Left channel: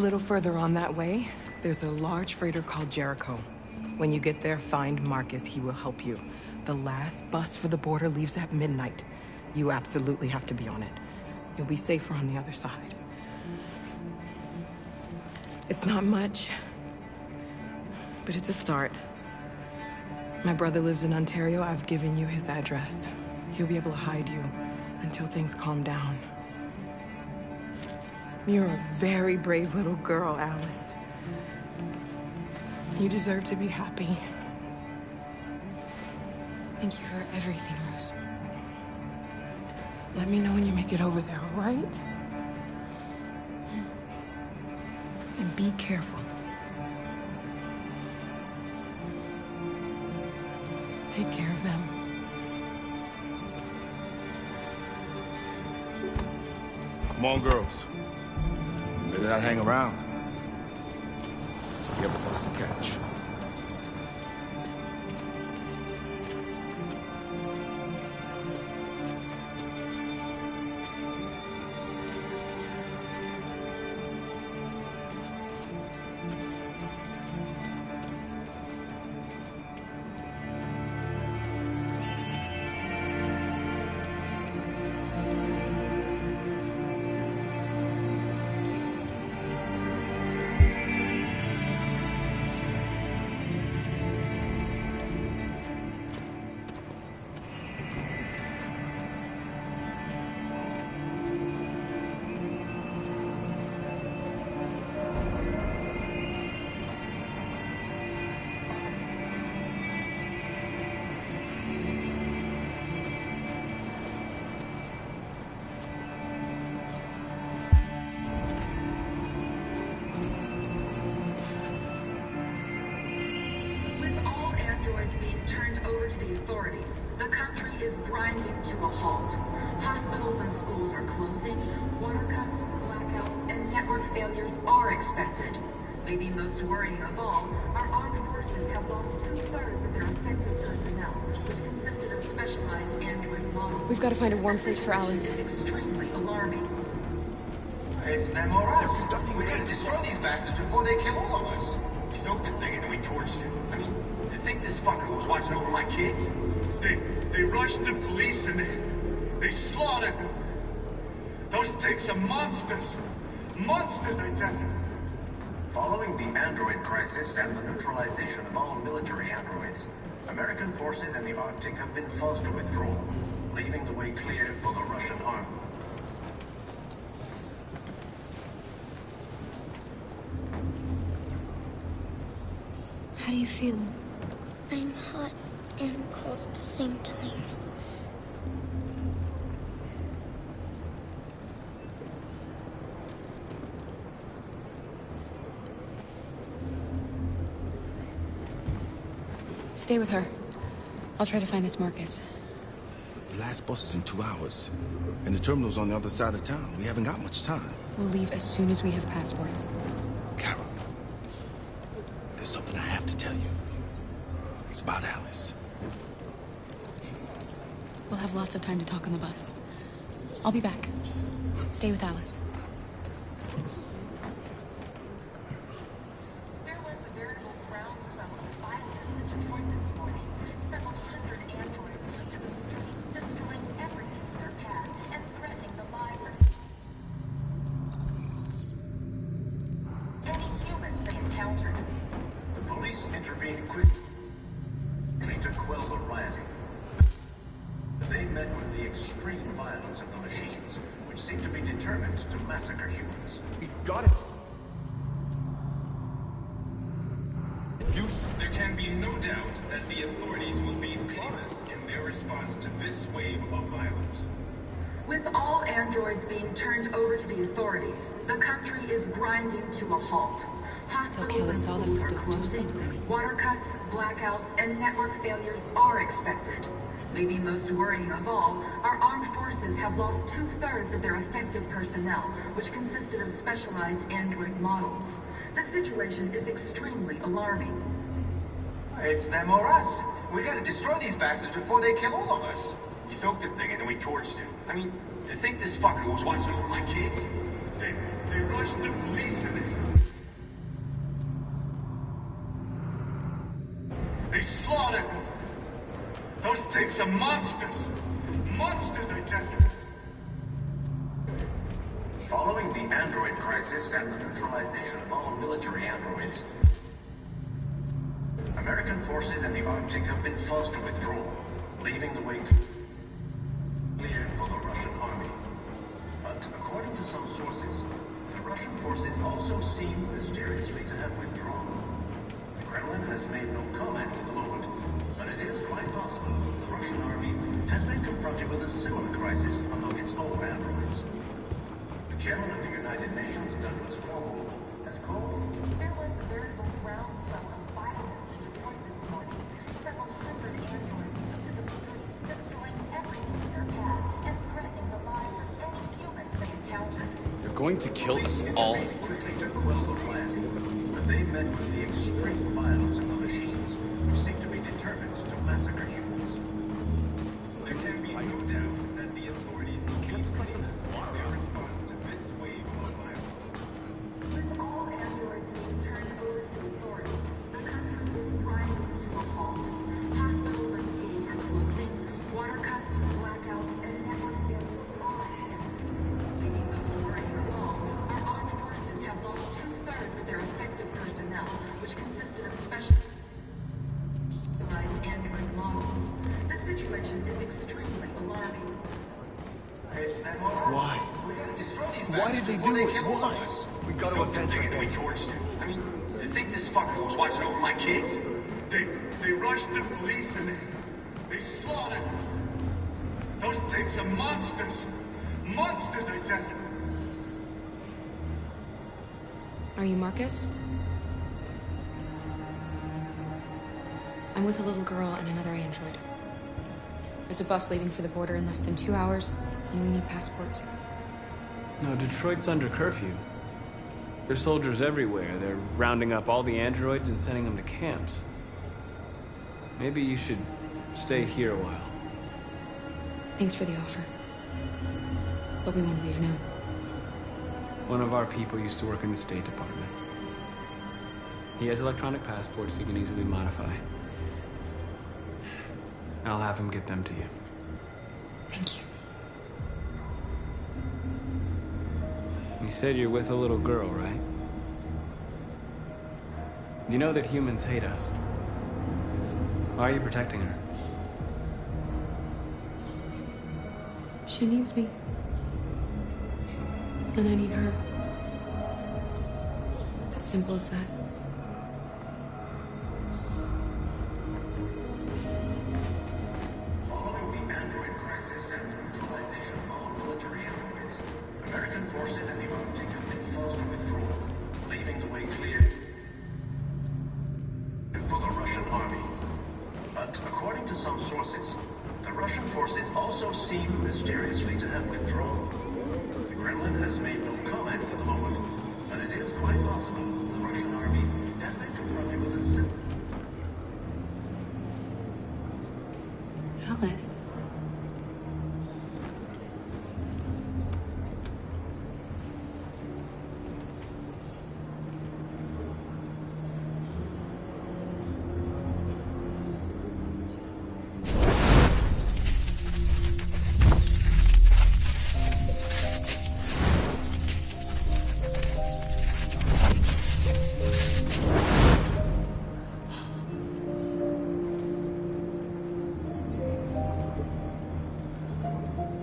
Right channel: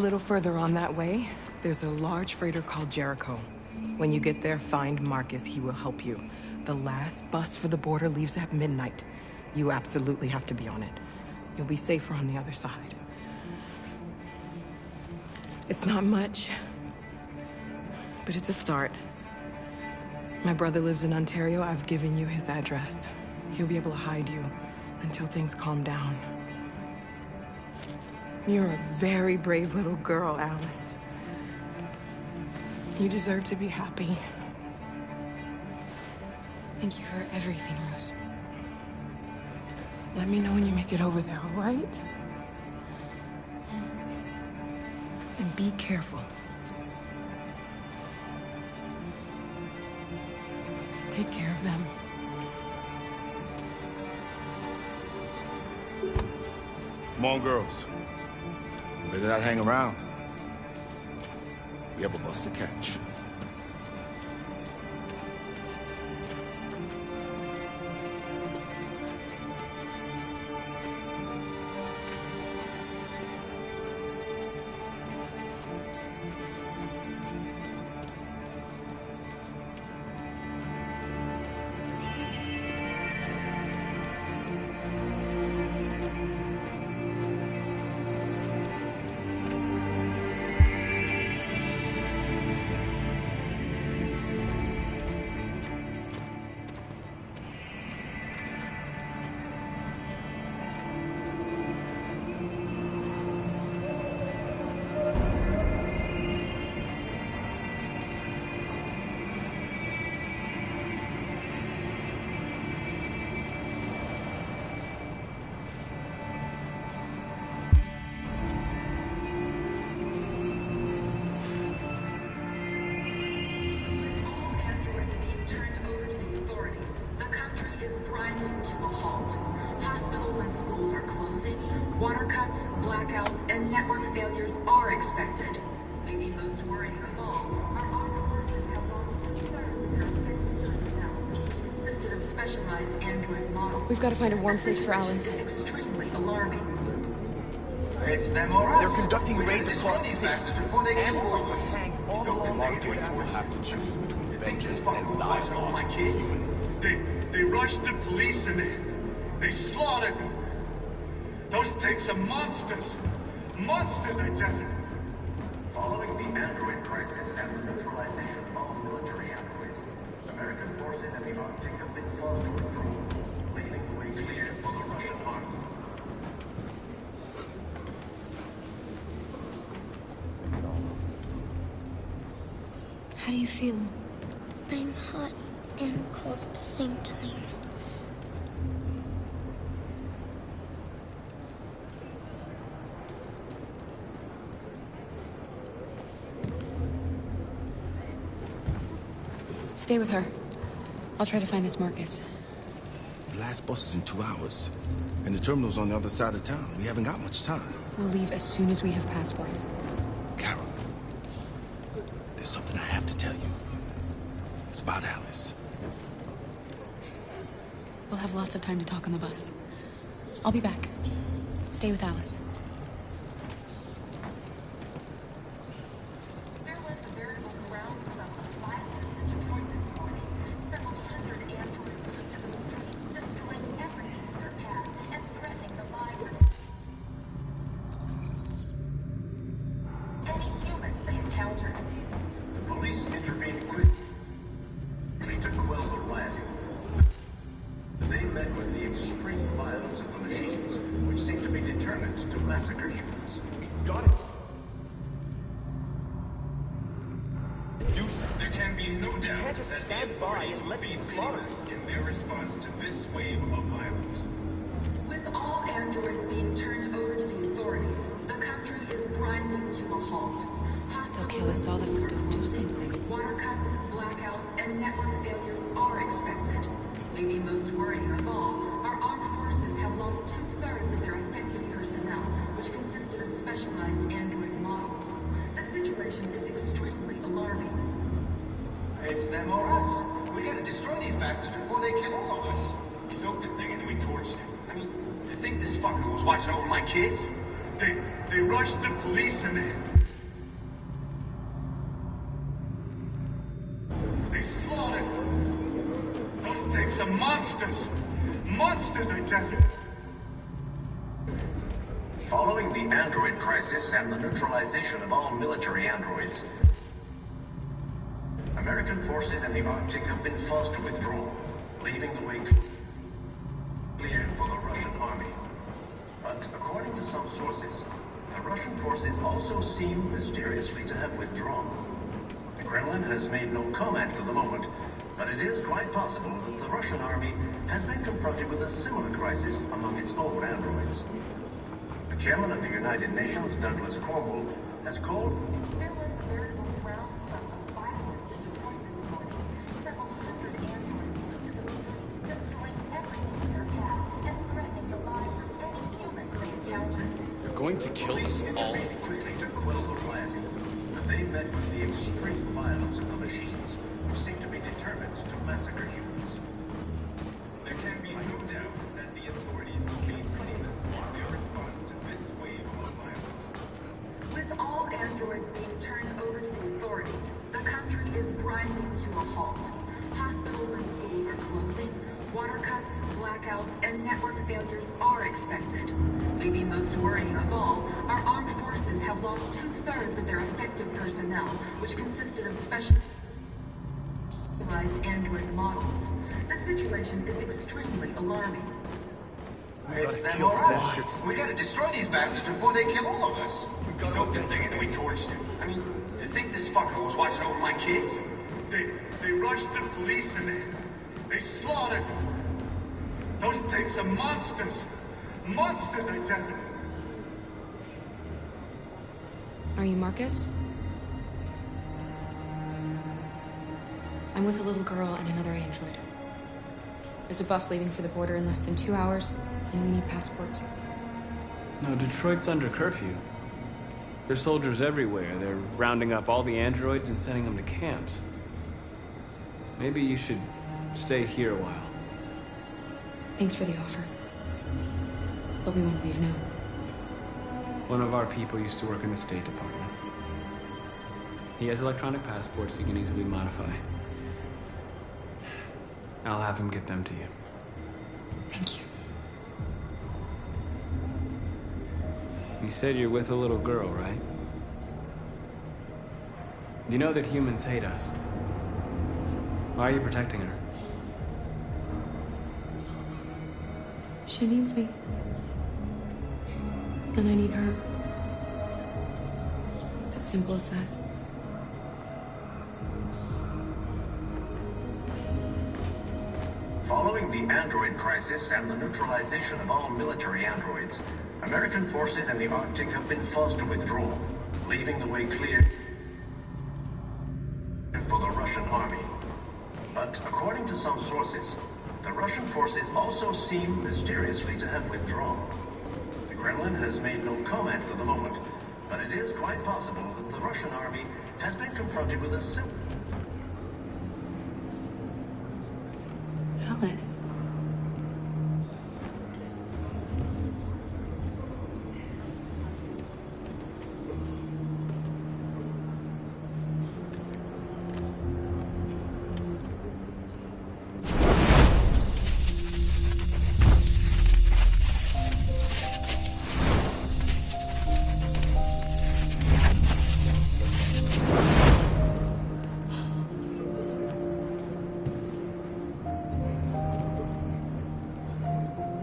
little further on that way, there's a large freighter called Jericho. When you get there, find Marcus. He will help you. The last bus for the border leaves at midnight. You absolutely have to be on it. You'll be safer on the other side. It's not much, but it's a start. My brother lives in Ontario. I've given you his address. He'll be able to hide you until things calm down. You're a very brave little girl, Alice. You deserve to be happy. Thank you for everything, Rose. Let me know when you make it over there, all right? And be careful. Take care of them. Come on, girls. You better not hang around. We have a bus to catch. The country is grinding to a halt. Hospitals and schools are closing. Water cuts, blackouts, and network failures are expected. Maybe most worrying of all, our armed forces have lost 2/3 of their effective personnel, which consisted of specialized android models. We've got to find a warm place for Alice. This is extremely alarming. It's them or us. They're conducting raids across these the bastards before they kill all of us. So good thing doing torture. I mean, you think this fucker was watching over my kids? They rushed the police and they slaughtered them. Those things are monsters. Monsters, I tell you. Following the android crisis and the neutralization of all military androids, American forces in the Arctic have been forced to withdraw, leaving the way clear for the Russian army. How do you feel? I'm hot and cold at the same time. Stay with her. I'll try to find this Marcus. The last bus is in 2 hours. And the terminal's on the other side of town. We haven't got much time. We'll leave as soon as we have passports. Carol, there's something I have to tell you. It's about Alice. We'll have lots of time to talk on the bus. I'll be back. Stay with Alice. There was a veritable groundswell of violence in Detroit this morning. Several hundred androids took to the streets, destroying everything in their path and threatening the lives of any humans they encountered. The police intervened quickly to quell the rioting. They met with the extreme violence of the machines, which seem to be determined to massacre humans. We got it. There can be no doubt that the authorities will be pitiless in their response to this wave of violence. With all androids being turned over to the authorities, the country is grinding to a halt. They'll kill us all if we Hospitals and schools are don't do closing. something. Water cuts, blackouts, and network failures are expected. Maybe most worrying of all, our armed forces have lost 2/3 of their effective personnel, which consisted of specialized android models. The situation is extremely alarming. It's them or us. We gotta destroy these bastards before they kill all of us. We soaked the thing and then we torched him. I mean, to think this fucker was watching over my kids? They rushed the police and slaughtered them. Those things are monsters. Monsters, I tell you. Following the android crisis and the neutralization of all military androids, American forces in the Arctic have been forced to withdraw, leaving the way clear for the Russian army. But according to some sources, the Russian forces also seem mysteriously to have withdrawn. The Kremlin has made no comment for the moment, but it is quite possible that the Russian army has been confronted with a similar crisis among its own androids. The chairman of the United Nations, Douglas Cornwall, has called... There was a veritable groundswell of violence in Detroit this morning. Several hundred androids took to the streets, destroying everything in their path and threatening the lives of any humans they encountered. They're going to kill us all. Quickly to quell the rioting, but they met with the extreme violence of the machines, which seem to be determined to massacre humans. There can be no doubt that the authorities will be ruthless in their response to this wave of violence. With all androids being turned over to the authorities, the country is grinding to a halt. Hospitals and schools are closing. Water cuts, blackouts, and network failures are expected. Maybe most worrying of all, our armed forces have lost 2/3 of their effective personnel, which consisted of specialized android models. The situation is extremely alarming. It's them or us. Why? We gotta destroy these bastards before they kill all of us. We gotta So they're going to be torched. I mean, do you think this fucker was watching over my kids? They rushed the police and they slaughtered them. Those things are monsters. Monsters, I tell you. Are you Marcus? I'm with a little girl and another android. There's a bus leaving for the border in less than 2 hours, and we need passports. No, Detroit's under curfew. There's soldiers everywhere. They're rounding up all the androids and sending them to camps. Maybe you should stay here a while. Thanks for the offer. But we won't leave now. One of our people used to work in the State Department. He has electronic passports he can easily modify. I'll have him get them to you. Thank you. You said you're with a little girl, right? You know that humans hate us. Why are you protecting her? She needs me. And I need her. It's as simple as that. Following the android crisis and the neutralization of all military androids, American forces in the Arctic have been forced to withdraw, leaving the way clear for the Russian army. But according to some sources, the Russian forces also seem mysteriously to have withdrawn. The Kremlin has made no comment for the moment, but it is quite possible that the Russian army has been confronted with a similar... Alice.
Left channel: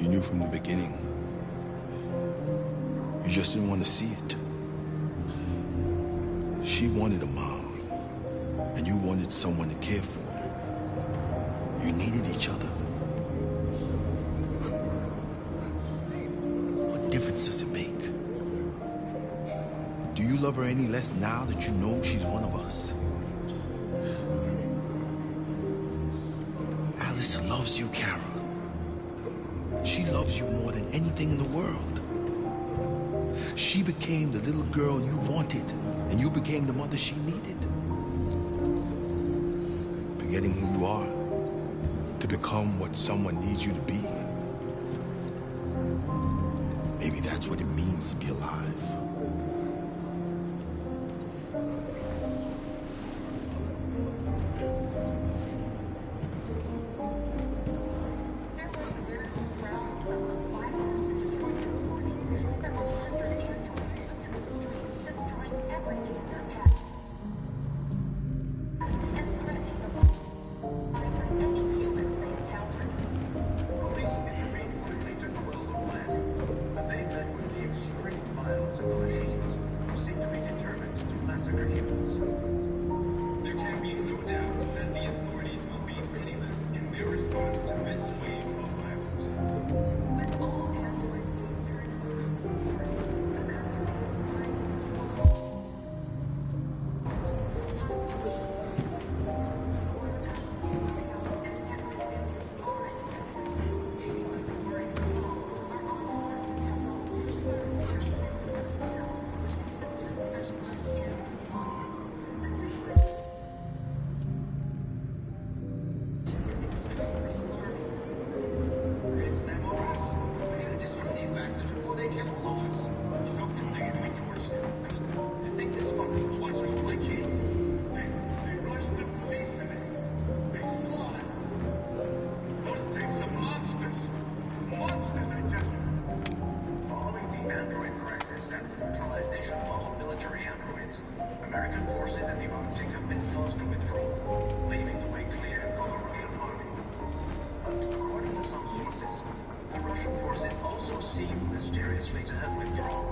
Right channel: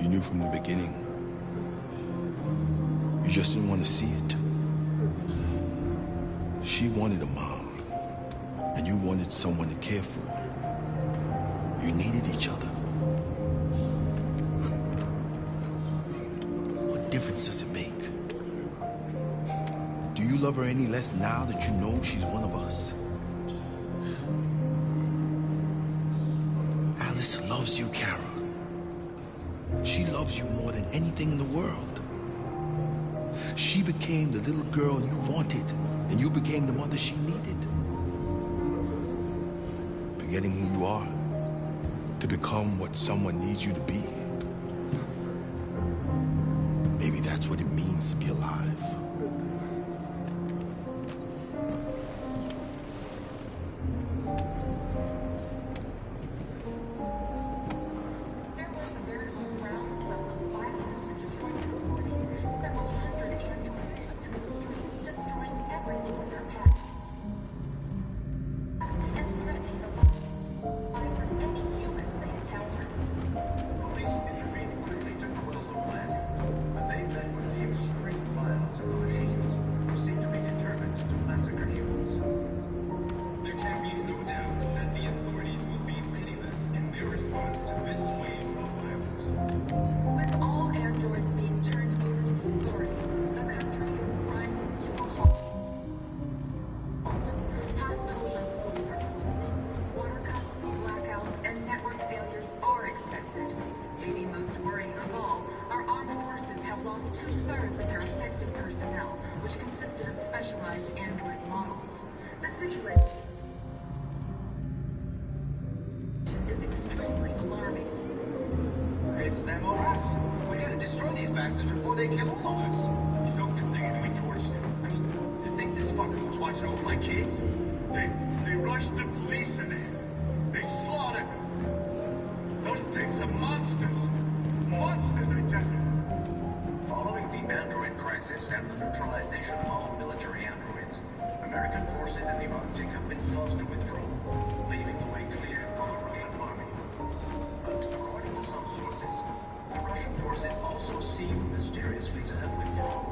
You knew from the beginning. You just didn't want to see it. She wanted a mom, and you wanted someone to care for. You needed each other. What difference does it make? Do you love her any less now that you know she's one of us? Alice loves you, Kara. She loves you more than anything in the world. She became the little girl you wanted, and you became the mother she needed. Forgetting who you are to become what someone needs you to be. Maybe that's what it means to be alive. bastards before they kill all of us. We soaked them there and we torched them. I mean, to think this fucker was watching over my kids? They rushed the police and they slaughtered them. Those things are monsters. Monsters, I tell you. Following the android crisis and the neutralization of all military androids, American forces in the Arctic have been forced to withdraw, leaving the way clear for the Russian army. But according to some sources, the Russian forces also seem mysteriously to have withdrawn.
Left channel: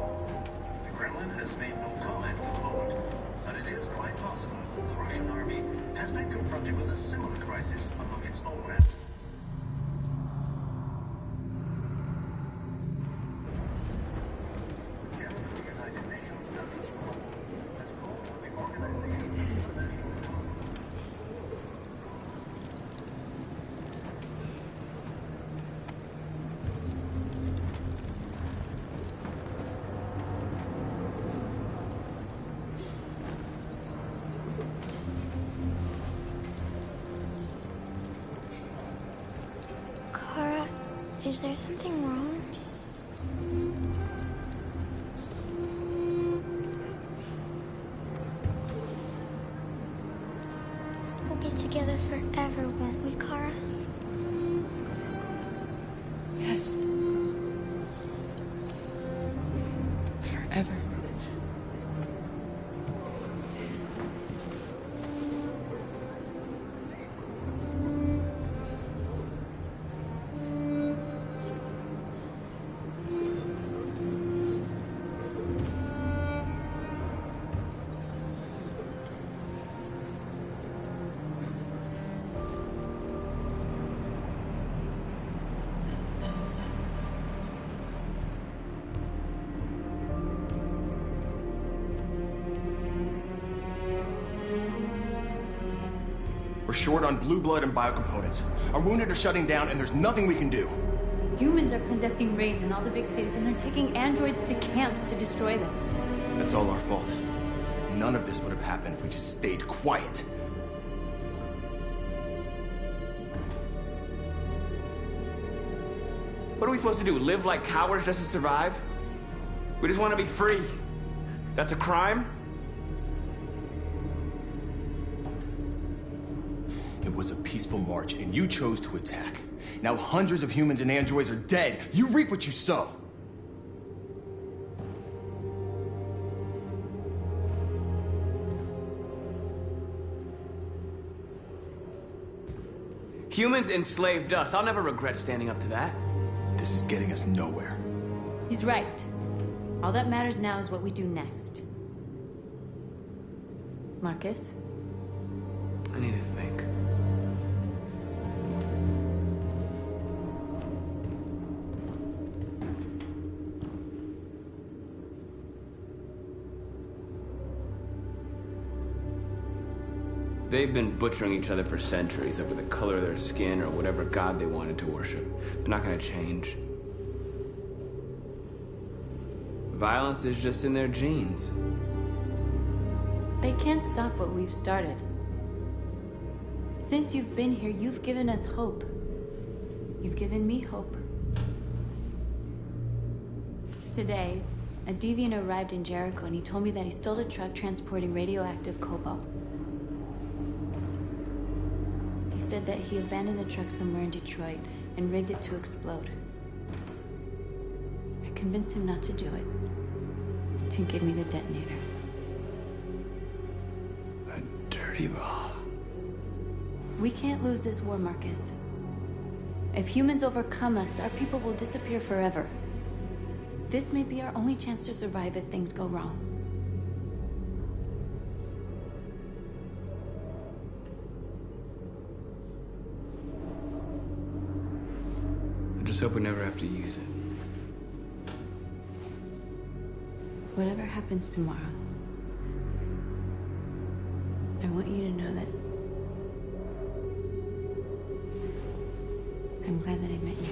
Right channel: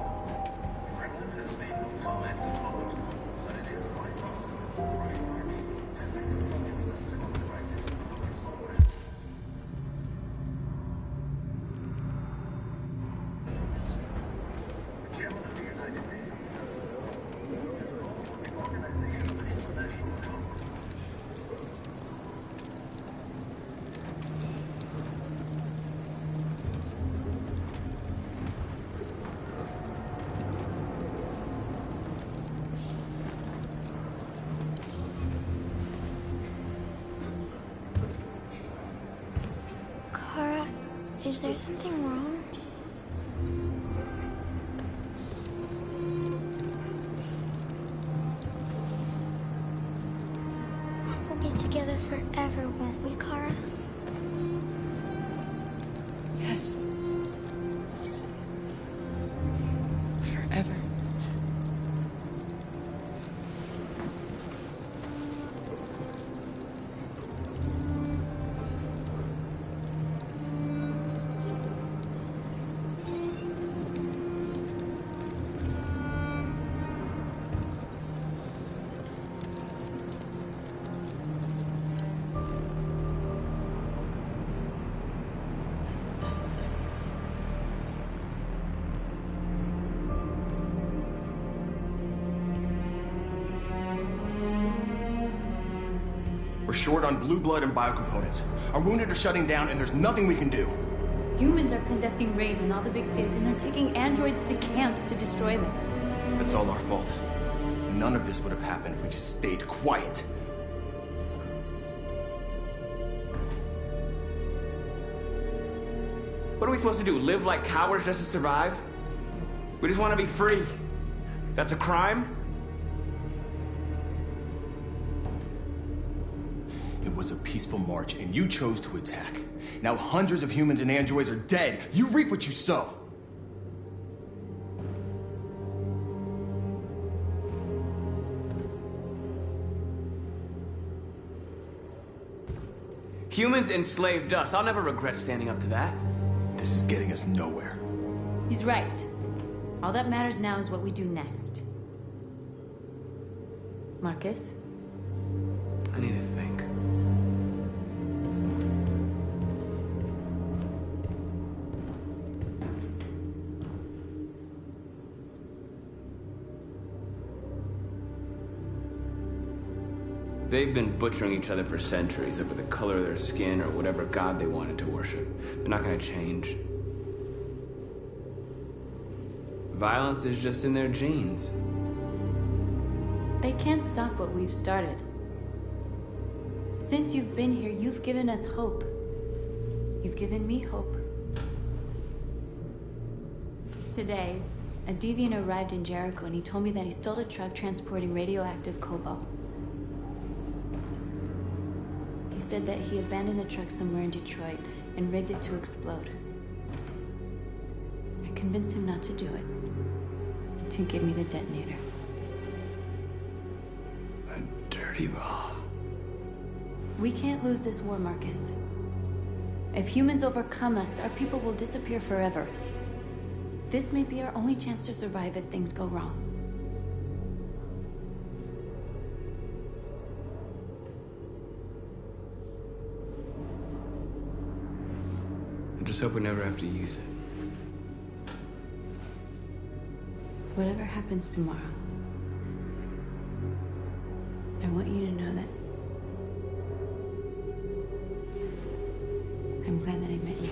The Kremlin has made no comment for the moment, but it is quite possible the Russian army has been confronted with a similar crisis among its own ranks. The chairman of the United Nations has called for the organization of an international conference. Kara, is there something wrong? We'll be together forever, won't we, Kara? Yes. Forever. We're short on blue blood and biocomponents. Our wounded are shutting down, and there's nothing we can do. Humans are conducting raids in all the big cities, and they're taking androids to camps to destroy them. That's all our fault. None of this would have happened if we just stayed quiet. What are we supposed to do? Live like cowards just to survive? We just want to be free. That's a crime? It was a peaceful march, and you chose to attack. Now hundreds of humans and androids are dead. You reap what you sow. Humans enslaved us. I'll never regret standing up to that. This is getting us nowhere. He's right. All that matters now is what we do next. Marcus? I need to think. They've been butchering each other for centuries over the color of their skin or whatever god they wanted to worship. They're not gonna change. Violence is just in their genes. They can't stop what we've started. Since you've been here, you've given us hope. You've given me hope. Today, a deviant arrived in Jericho and he told me that he stole a truck transporting radioactive cobalt. He said that he abandoned the truck somewhere in Detroit and rigged it to explode. I convinced him not to do it, to give me the detonator. A dirty ball. We can't lose this war, Marcus. If humans overcome us, our people will disappear forever. This may be our only chance to survive if things go wrong. I just hope we never have to use it. Whatever happens tomorrow, I want you to know that I'm glad that I met you.